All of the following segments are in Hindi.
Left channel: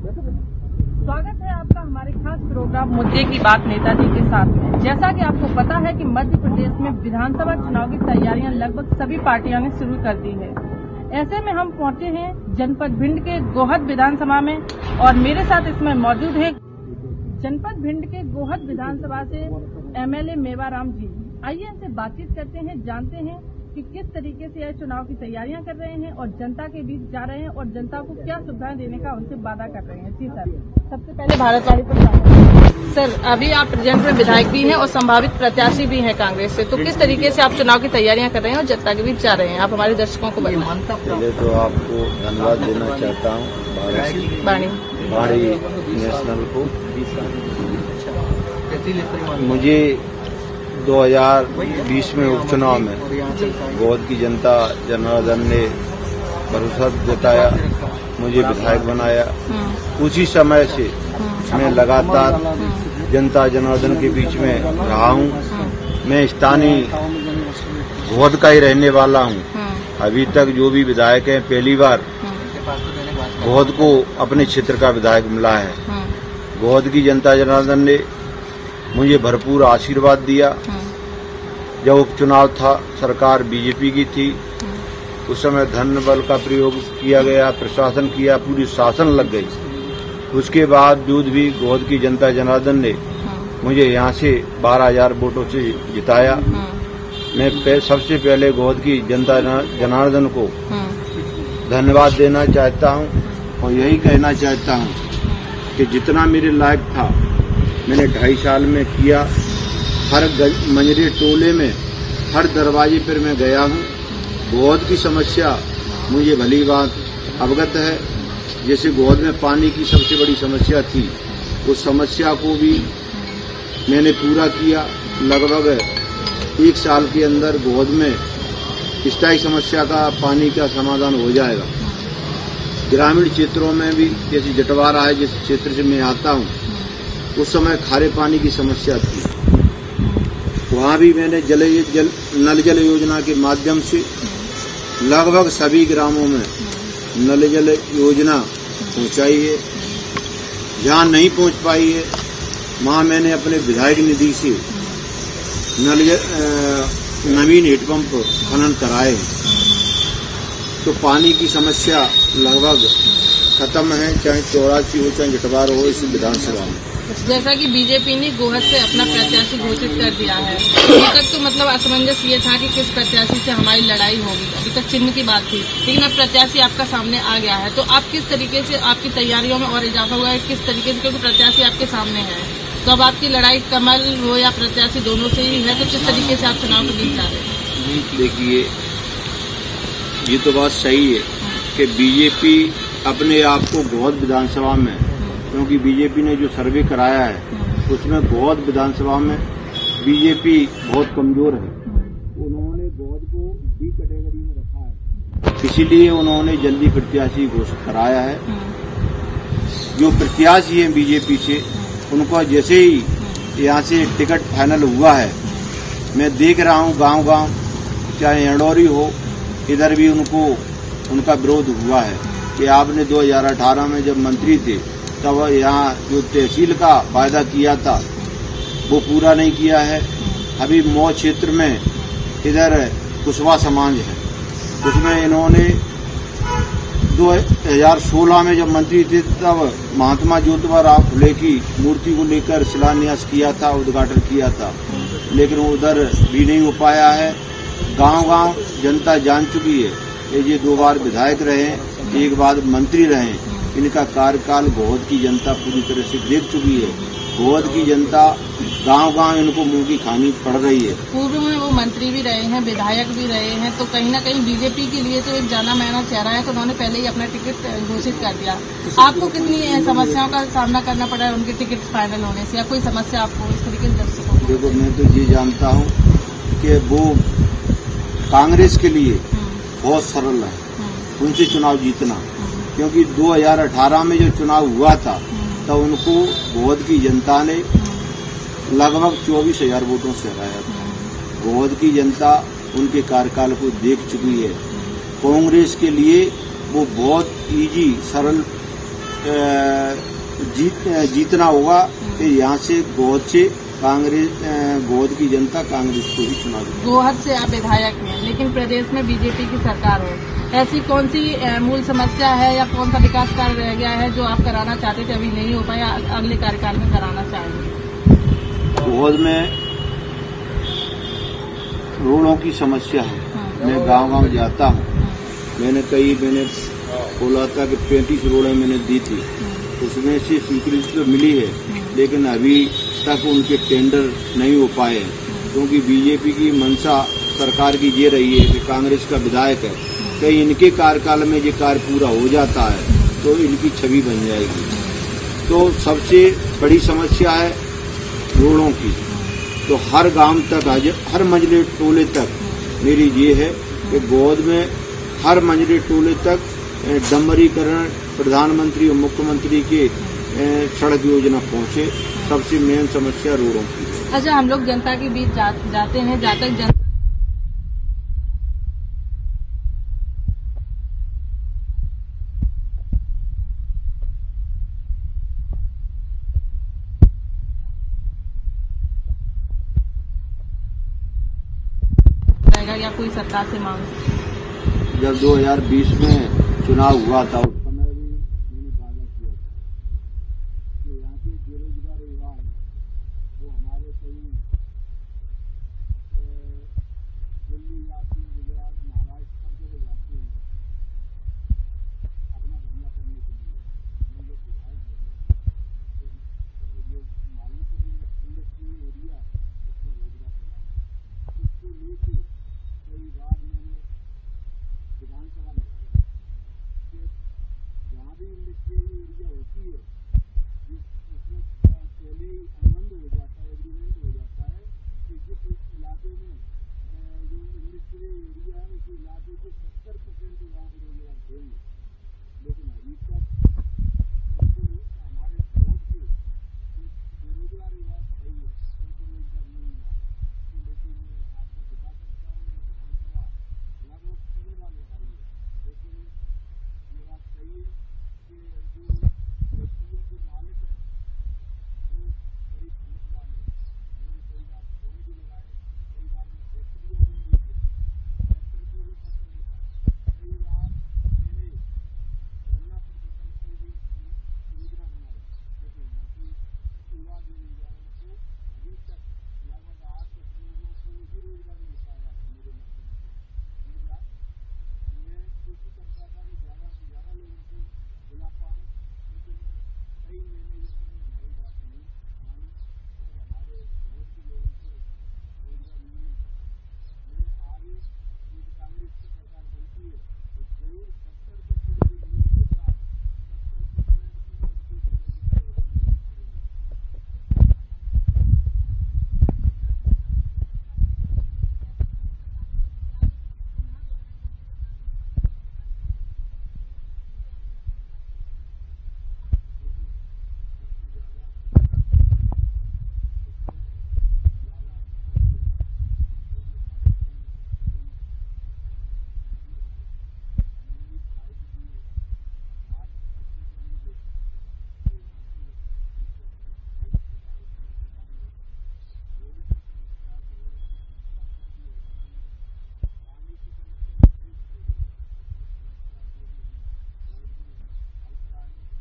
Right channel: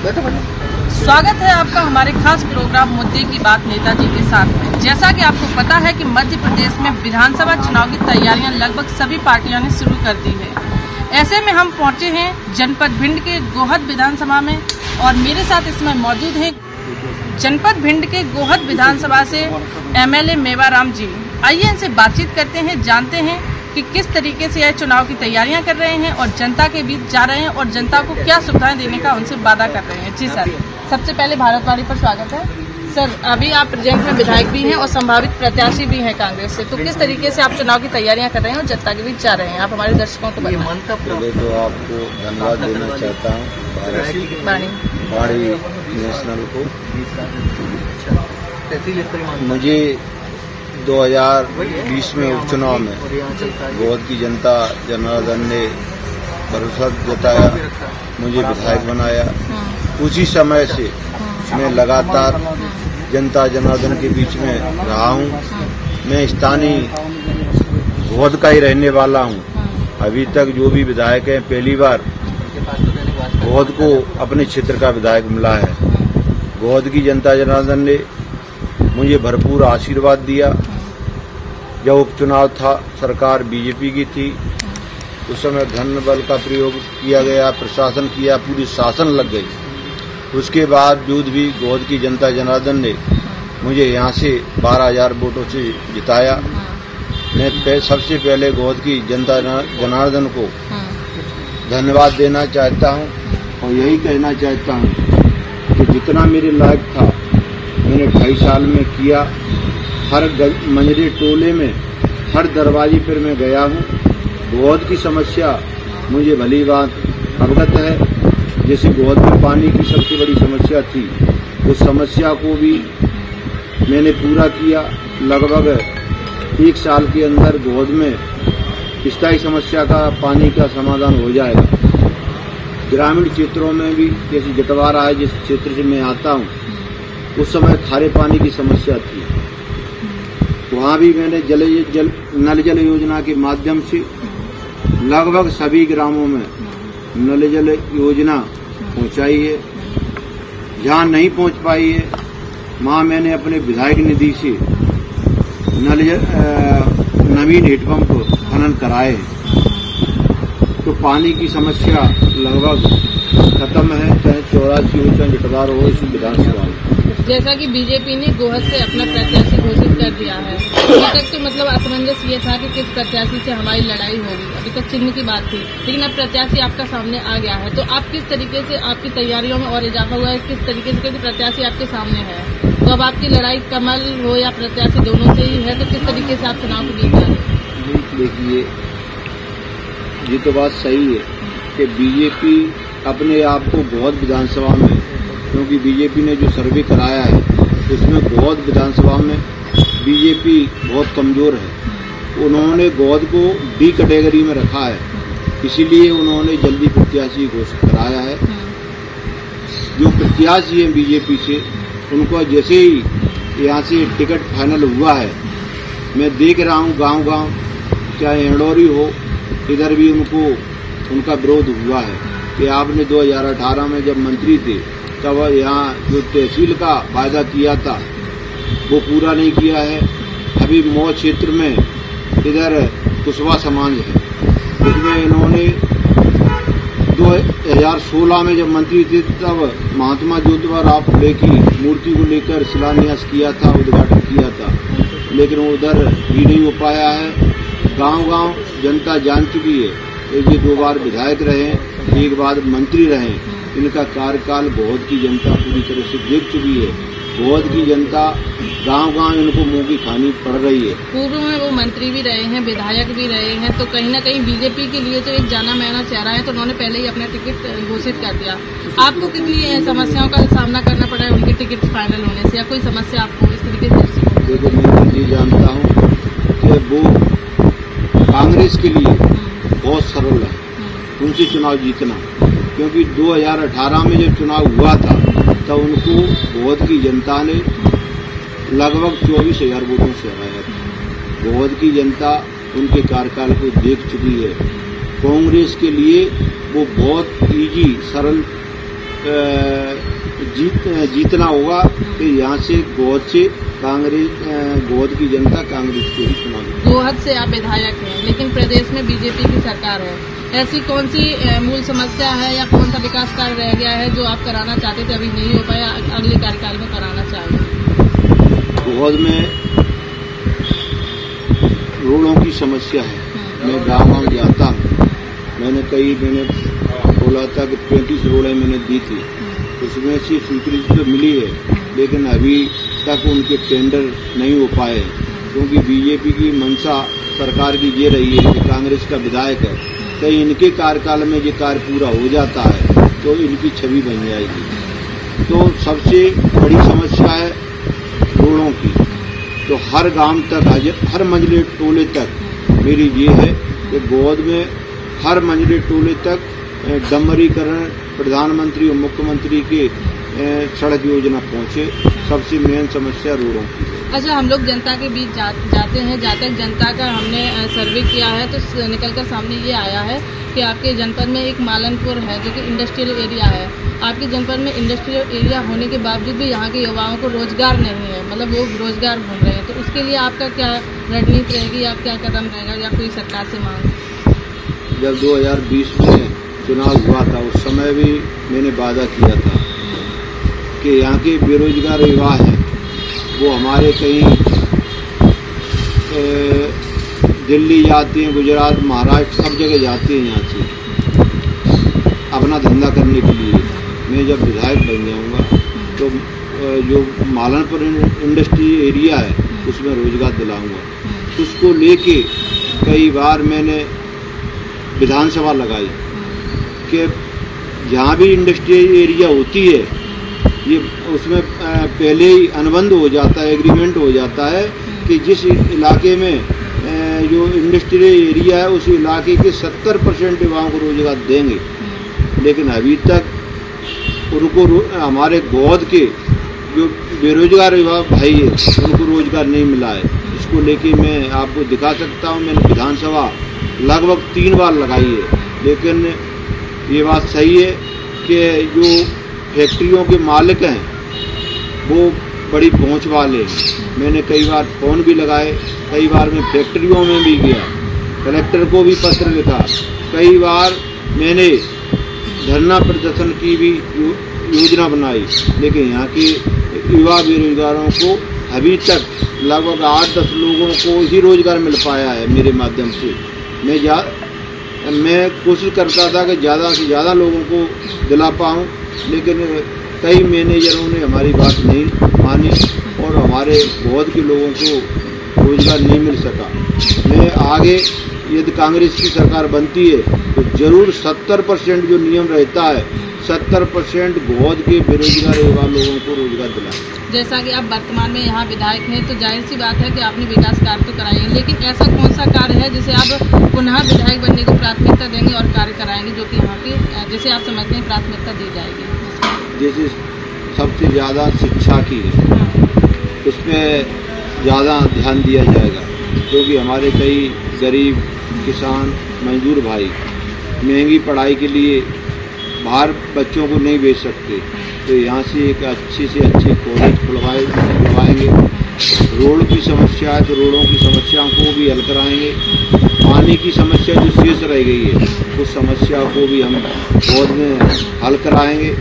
स्वागत है आपका हमारे खास प्रोग्राम मुद्दे की बात नेताजी के साथ में। जैसा कि आपको पता है कि मध्य प्रदेश में विधानसभा चुनाव की तैयारियां लगभग सभी पार्टियों ने शुरू कर दी है। ऐसे में हम पहुंचे हैं जनपद भिंड के गोहद विधानसभा में और मेरे साथ इसमें मौजूद हैं जनपद भिंड के गोहद विधानसभा से MLA मेवाराम जी। आइए इनसे बातचीत करते हैं, जानते हैं कि किस तरीके से यह चुनाव की तैयारियां कर रहे हैं और जनता के बीच जा रहे हैं और जनता को क्या सुविधाएं देने का उनसे वादा कर रहे हैं। जी सर, सबसे पहले भारतवाणी पर स्वागत है। सर, अभी आप प्रेजेंट में विधायक भी हैं और संभावित प्रत्याशी भी हैं कांग्रेस से, तो किस तरीके से आप चुनाव की तैयारियां कर रहे हैं और जनता के बीच जा रहे हैं, आप हमारे दर्शकों को बताएं। पहले तो आपको धन्यवाद देना चाहता हूँ वाणी नेशनल को। मुझे 2020 में उपचुनाव में गोहद की जनता जनार्दन ने भरोसा जताया, मुझे विधायक बनाया। उसी समय से मैं लगातार जनता जनार्दन के बीच में रहा हूँ। मैं स्थानीय गोहद का ही रहने वाला हूँ। अभी तक जो भी विधायक हैं, पहली बार गोहद को अपने क्षेत्र का विधायक मिला है। गोहद की जनता जनार्दन ने मुझे भरपूर आशीर्वाद दिया। जब उपचुनाव था, सरकार बीजेपी की थी, उस समय धन बल का प्रयोग किया गया, प्रशासन किया, पूरी शासन लग गई। उसके बावजूद भी गोहद की जनता जनार्दन ने मुझे यहाँ से 12,000 वोटों से जिताया। मैं सबसे पहले गोहद की जनता जनार्दन को धन्यवाद देना चाहता हूँ और यही कहना चाहता हूँ कि जितना मेरे लायक था मैंने 2.5 साल में किया। हर मंजरे टोले में, हर दरवाजे पर मैं गया हूँ। गोहद की समस्या मुझे भली बात अवगत है। जैसे गोहद में पानी की सबसे बड़ी समस्या थी, उस समस्या को भी मैंने पूरा किया। लगभग 1 साल के अंदर गोहद में स्थायी समस्या का पानी का समाधान हो जाएगा। ग्रामीण क्षेत्रों में भी, जैसे जटवारा है, जिस क्षेत्र से मैं आता हूँ, उस समय खारे पानी की समस्या थी। वहाँ भी मैंने नल जल योजना के माध्यम से लगभग सभी ग्रामों में नल जल योजना पहुँचाई है। जहाँ नहीं पहुँच पाई है, वहाँ मैंने अपने विधायक निधि से नवीन हेडपंप खनन कराए। तो पानी की समस्या लगभग खत्म है, चाहे 84 हो चाहे जटवार हो इस विधानसभा में। जैसा कि बीजेपी ने गोहद से अपना प्रत्याशी घोषित कर दिया है, अभी तक तो मतलब असमंजस ये था कि किस प्रत्याशी से हमारी लड़ाई होगी। अभी तक चिन्ह की बात थी, लेकिन अब प्रत्याशी आपका सामने आ गया है, तो आप किस तरीके से, आपकी तैयारियों में और इजाफा हुआ है किस तरीके से, क्योंकि प्रत्याशी आपके सामने है, तो अब आपकी लड़ाई कमल हो या प्रत्याशी दोनों से ही है, तो किस तरीके से आप चुनाव को जीत जा रहे हैं? देखिए, ये तो बात सही है कि बीजेपी अपने आप को गोहद विधानसभा में, क्योंकि बीजेपी ने जो सर्वे कराया है उसमें गोहद विधानसभा में बीजेपी बहुत कमजोर है। उन्होंने गोहद को D कैटेगरी में रखा है, इसीलिए उन्होंने जल्दी प्रत्याशी घोषित कराया है। जो प्रत्याशी हैं बीजेपी से, उनको जैसे ही यहाँ से टिकट फाइनल हुआ है, मैं देख रहा हूँ गांव-गांव, चाहे एंडोरी हो, इधर भी उनका विरोध हुआ है कि आपने 2018 में जब मंत्री थे तब यहाँ जो तहसील का वायदा किया था वो पूरा नहीं किया है। अभी मऊ क्षेत्र में इधर कुशवाहा समाज है, उसमें इन्होंने 2016 में जब मंत्री थे तब महात्मा ज्योतिबा फुले की मूर्ति को लेकर शिलान्यास किया था, उद्घाटन किया था, लेकिन वो उधर भी नहीं हो पाया है। गांव-गांव जनता जान चुकी है, ये 2 बार विधायक रहे, 1 बार मंत्री रहे, इनका कार्यकाल गोहद की जनता पूरी तरह से देख चुकी है। गोहद की जनता गांव-गांव इनको मुंह की खानी पड़ रही है। पूर्व में वो मंत्री भी रहे हैं, विधायक भी रहे हैं, तो कहीं न कहीं बीजेपी के लिए तो एक जाना माना चेहरा है, तो उन्होंने पहले ही अपना टिकट घोषित कर दिया। आपको कितनी समस्याओं का सामना करना पड़ा है उनके टिकट फाइनल होने से, या कोई समस्या आपको इस तरीके से? देखो, मैं तो ये जानता हूँ कि वो कांग्रेस के लिए बहुत सरल है उनसे चुनाव जीतना, क्योंकि 2018 में जब चुनाव हुआ था तब उनको गोहद की जनता ने लगभग 24,000 वोटों से हराया था। गोहद की जनता उनके कार्यकाल को देख चुकी है। कांग्रेस के लिए वो बहुत इजी, सरल जीतना होगा कि यहाँ से गोद से कांग्रेस, गोद की जनता कांग्रेस को ही चुना देगी। गोहद से आप विधायक हैं, लेकिन प्रदेश में बीजेपी की सरकार है। ऐसी कौन सी मूल समस्या है या कौन सा विकास कार्य रह गया है जो आप कराना चाहते थे, अभी नहीं हो पाया, अगले कार्यकाल में कराना चाहेंगे? गोहद में रोडों की समस्या है। मैं गांव जाता हूँ, मैंने बोला था कि 35 रोडें मैंने दी थी, उसमें से स्वीकृति तो मिली है, लेकिन अभी तक उनके टेंडर नहीं हो पाए, क्योंकि बीजेपी की मंशा सरकार की ये रही है कि कांग्रेस का विधायक है, कहीं इनके कार्यकाल में ये कार्य पूरा हो जाता है तो इनकी छवि बन जाएगी। तो सबसे बड़ी समस्या है रोडों की। तो हर गांव तक, हर मंझले टोले तक मेरी ये है कि गोद में हर मंझले टोले तक डंबरीकरण, प्रधानमंत्री और मुख्यमंत्री के सड़क योजना पहुंचे। सबसे मेन समस्या रोडों की। अच्छा, हम लोग जनता के बीच जाते हैं, जनता का हमने सर्वे किया है तो निकलकर सामने ये आया है कि आपके जनपद में एक मालनपुर है जो कि इंडस्ट्रियल एरिया है। आपके जनपद में इंडस्ट्रियल एरिया होने के बावजूद भी यहाँ के युवाओं को रोजगार नहीं है, मतलब वो रोजगार ढूंढ रहे हैं। तो उसके लिए आपका क्या रणनीति रहेगी, आप क्या कदम रहेगा या कोई सरकार से मांग? जब 2020 में चुनाव हुआ था उस समय भी मैंने वादा किया था कि यहाँ के बेरोजगार युवा हैं वो हमारे कहीं दिल्ली जाते हैं, गुजरात, महाराष्ट्र, सब जगह जाते हैं यहाँ से अपना धंधा करने के लिए। मैं जब विधायक बन जाऊँगा तो जो मालनपुर इंडस्ट्री एरिया है उसमें रोजगार दिलाऊंगा। उसको लेके कई बार मैंने विधानसभा लगाई कि जहाँ भी इंडस्ट्रियल एरिया होती है ये उसमें पहले ही अनुबंध हो जाता है, एग्रीमेंट हो जाता है कि जिस इलाके में जो इंडस्ट्रियल एरिया है उस इलाके के 70% युवाओं को रोजगार देंगे। लेकिन अभी तक उनको हमारे गोद के जो बेरोजगार युवा भाई है उनको रोजगार नहीं मिला है। इसको लेके मैं आपको दिखा सकता हूँ, मैंने विधानसभा लगभग 3 बार लगाई है। लेकिन ये बात सही है कि जो फैक्ट्रियों के मालिक हैं वो बड़ी पहुंच वाले हैं। मैंने कई बार फोन भी लगाए, कई बार मैं फैक्ट्रियों में भी गया, कलेक्टर को भी पत्र लिखा, कई बार मैंने धरना प्रदर्शन की भी योजना बनाई। लेकिन यहाँ के युवा बेरोजगारों को अभी तक लगभग 8-10 लोगों को ही रोजगार मिल पाया है मेरे माध्यम से। मैं कोशिश करता था कि ज़्यादा से ज़्यादा लोगों को दिला पाऊँ, लेकिन कई मैनेजरों ने हमारी बात नहीं मानी और हमारे गोद के लोगों को रोजगार नहीं मिल सका। मैं आगे यदि कांग्रेस की सरकार बनती है तो जरूर 70% जो नियम रहता है 70% गोद के बेरोजगार युवा लोगों को रोजगार दिलाएं। जैसा कि आप वर्तमान में यहाँ विधायक हैं तो जाहिर सी बात है कि आपने विकास कार्य तो कराए हैं, लेकिन ऐसा कौन सा कार्य है जिसे आप पुनः विधायक बनने को प्राथमिकता देंगे और कार्य कराएंगे जो कि यहाँ की जिसे आप समझते हैं प्राथमिकता दी जाएगी? जैसे सबसे ज़्यादा शिक्षा की है उस पर ज़्यादा ध्यान दिया जाएगा, क्योंकि हमारे कई गरीब किसान मजदूर भाई महंगी पढ़ाई के लिए बाहर बच्चों को नहीं भेज सकते, तो यहाँ से एक अच्छे से अच्छे कॉलेज खुलवाएंगे। रोड की समस्या है तो रोडों की समस्याओं को भी हल कराएंगे। पानी की समस्या जो शेष रह गई है उस समस्या को भी हम गोद में हल कराएंगे।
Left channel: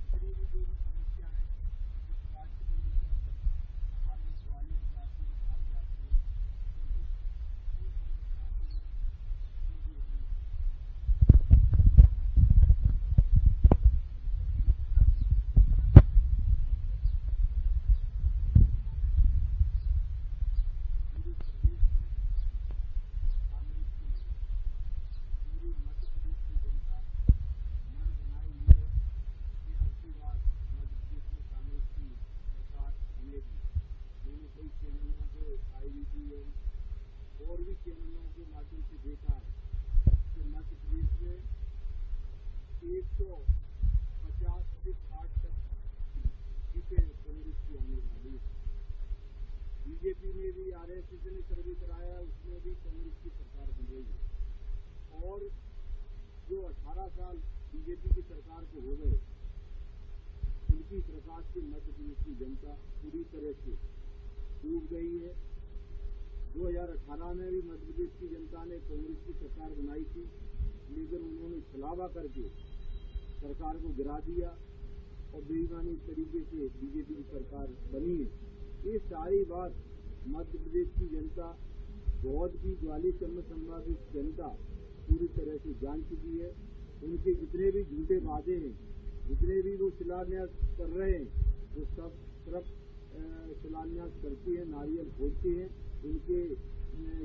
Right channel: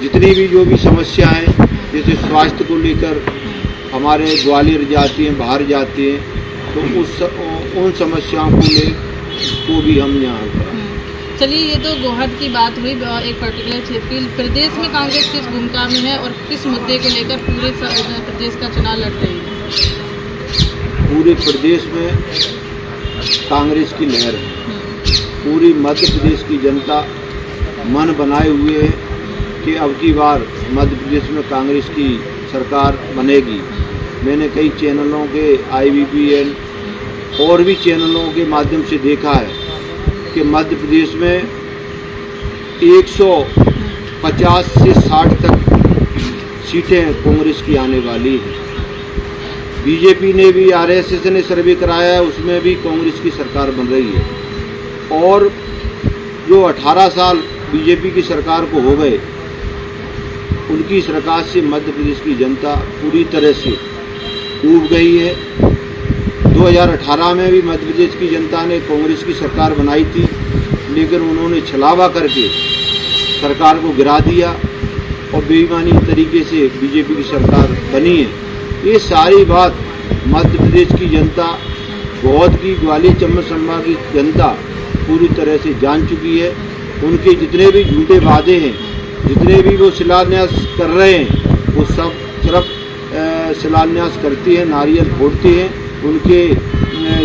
जितनी भी जो भी समस्या हैं, जैसे स्वास्थ्य को लेकर हमारे ग्वालियर जाती हैं, बाहर जाती हैं, तो उन समस्याओं को भी हम यहाँ कराएंगे। चलिए, ये तो गोहद की बात हुई एक पर्टिकुलर क्षेत्र की। प्रदेश में कांग्रेस किस भूमिका में है और किस मुद्दे को लेकर पूरे प्रदेश का चुनाव लड़ रही है? पूरे प्रदेश में कांग्रेस की लहर है। पूरी मध्य प्रदेश की जनता मन बनाए हुए है कि अब की बार मध्य प्रदेश में कांग्रेस की सरकार बनेगी। मैंने कई चैनलों के IBPN और भी चैनलों के माध्यम से देखा है कि मध्य प्रदेश में 150 से 60 तक सीटें कांग्रेस की आने वाली है। बीजेपी ने भी, RSS ने सर्वे कराया है, उसमें भी कांग्रेस की सरकार बन रही है। और जो 18 साल बीजेपी की सरकार को हो गए उनकी सरकार से मध्य प्रदेश की जनता पूरी तरह से ऊब गई है। 2018 में भी मध्य प्रदेश की जनता ने कांग्रेस की सरकार बनाई थी, लेकिन उन्होंने छलावा करके सरकार को गिरा दिया और बेईमानी तरीके से बीजेपी की सरकार बनी है। ये सारी बात मध्य प्रदेश की जनता, बौद्ध की, ग्वालियर चंबल संभाग की जनता पूरी तरह से जान चुकी है। उनके जितने भी झूठे वादे हैं, जितने भी वो शिलान्यास कर रहे हैं, वो सब सिर्फ शिलान्यास करती है, नारियल फोड़ती है। उनके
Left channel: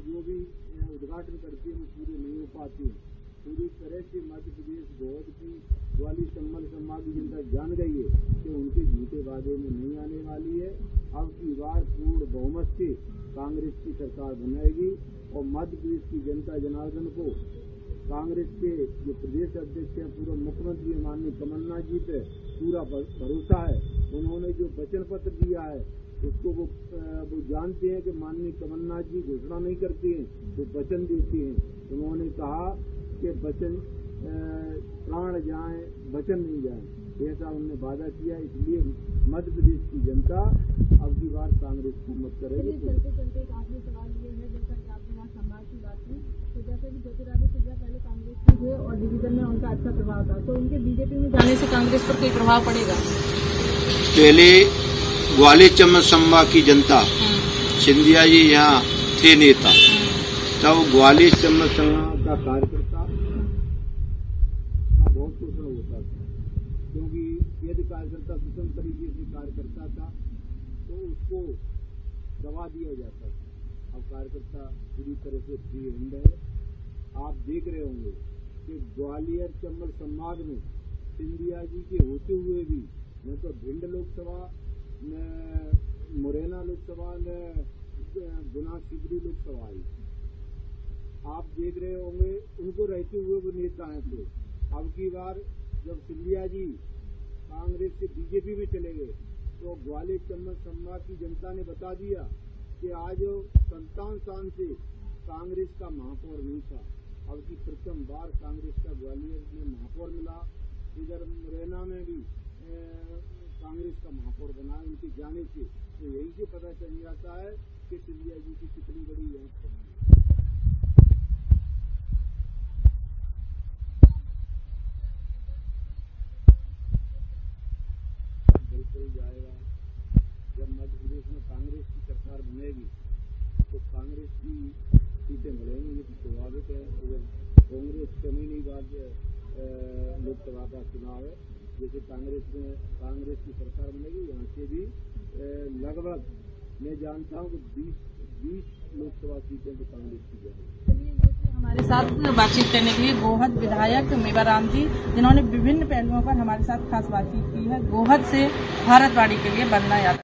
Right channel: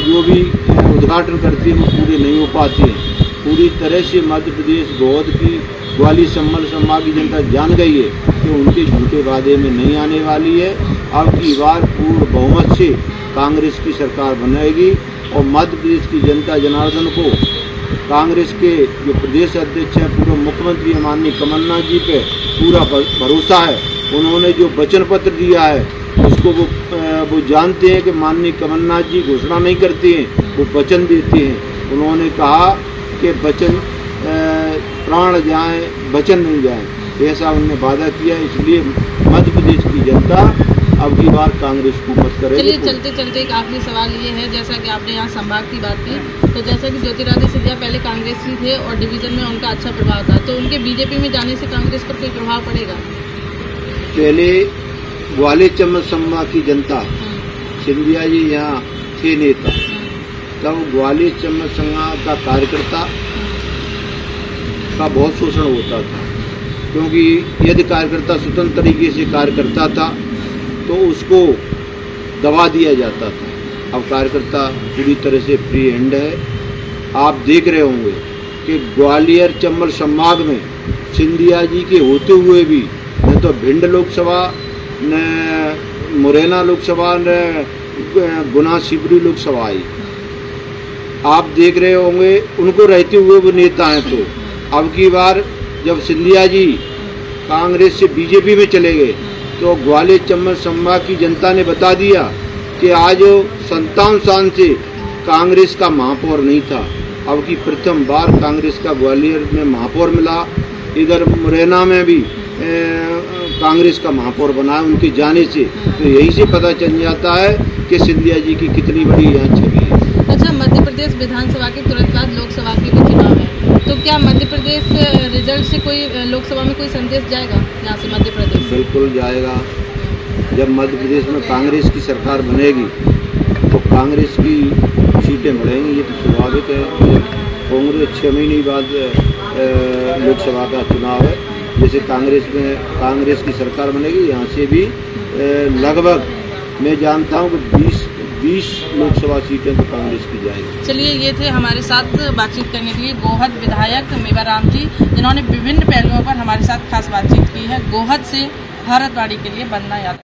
जो भी उद्घाटन करती है वो पूरे नहीं हो पाते हैं। पूरी तरह से मध्य प्रदेश बौद्ध की, ग्वालियर चंबल संभाग की जनता जान गई है कि उनके झूठे वादे में नहीं आने वाली है। अब की बार पूर्ण बहुमत से कांग्रेस की सरकार बनेगी और मध्य प्रदेश की जनता जनार्दन को कांग्रेस के जो प्रदेश अध्यक्ष हैं, पूर्व मुख्यमंत्री माननीय कमलनाथ जी पे पूरा भरोसा है। उन्होंने जो वचन पत्र दिया है उसको वो जानते हैं कि माननीय कमलनाथ जी घोषणा नहीं करते हैं, वो वचन देते हैं। उन्होंने कहा कि वचन प्राण जाए, वचन नहीं जाए, ऐसा उन्होंने वादा किया। इसलिए मध्य प्रदेश की जनता अब की बार कांग्रेस को मत करेगी। चलिए चलते चलते एक आखिरी सवाल ये है, जैसा कि आपने यहाँ संभाग की बात की, तो जैसा कि ज्योतिरादित्य सिंधिया पहले कांग्रेसी थे और डिवीजन में उनका अच्छा प्रभाव था, तो उनके बीजेपी में जाने से कांग्रेस पर कोई प्रभाव पड़ेगा? पहले ग्वालियर चंबल संभाग की जनता, सिंधिया जी यहाँ थे नेता, तब ग्वालियर चंबल संभाग का कार्यकर्ता का बहुत शोषण होता था, क्योंकि यदि कार्यकर्ता स्वतंत्र तरीके से कार्य करता था तो उसको दबा दिया जाता था। अब कार्यकर्ता पूरी तरह से फ्री हैंड है। आप देख रहे होंगे कि ग्वालियर चंबल संभाग में सिंधिया जी के होते हुए भी न तो भिंड लोकसभा, न मुरैना लोकसभा, न गुना शिवपुरी लोकसभा आई। आप देख रहे होंगे उनको रहते हुए वो नेता हैं। तो अब की बार जब सिंधिया जी कांग्रेस से बीजेपी में चले गए तो ग्वालियर चंबल संभाग की जनता ने बता दिया कि आज 57 साल से कांग्रेस का महापौर नहीं था। अब की प्रथम बार कांग्रेस का ग्वालियर में महापौर मिला। इधर मुरैना में भी कांग्रेस का महापौर बना उनके जाने से। तो यही से पता चल जाता है कि सिंधिया जी की कितनी बड़ी यहाँ छवि है। अच्छा, मध्य प्रदेश विधानसभा के तुरंत बाद लोकसभा के भी चुनाव है, तो क्या मध्य प्रदेश रिजल्ट से कोई लोकसभा में कोई संदेश जाएगा यहाँ से मध्य प्रदेश? बिल्कुल जाएगा। जब मध्य प्रदेश में कांग्रेस की सरकार बनेगी तो कांग्रेस की सीटें बढ़ेंगी, ये तो स्वाभाविक है। कांग्रेस 6 महीने बाद लोकसभा का चुनाव है। जैसे कांग्रेस की सरकार बनेगी, यहाँ से भी लगभग मैं जानता हूँ कि 20 लोकसभा सीटें तो कांग्रेस की जाएगी। चलिए, ये थे हमारे साथ बातचीत करने के लिए गोहद विधायक मेवाराम जी, जिन्होंने विभिन्न पहलुओं पर हमारे साथ खास बातचीत की है। गोहद से भारतवाणी के लिए बन्ना यादव।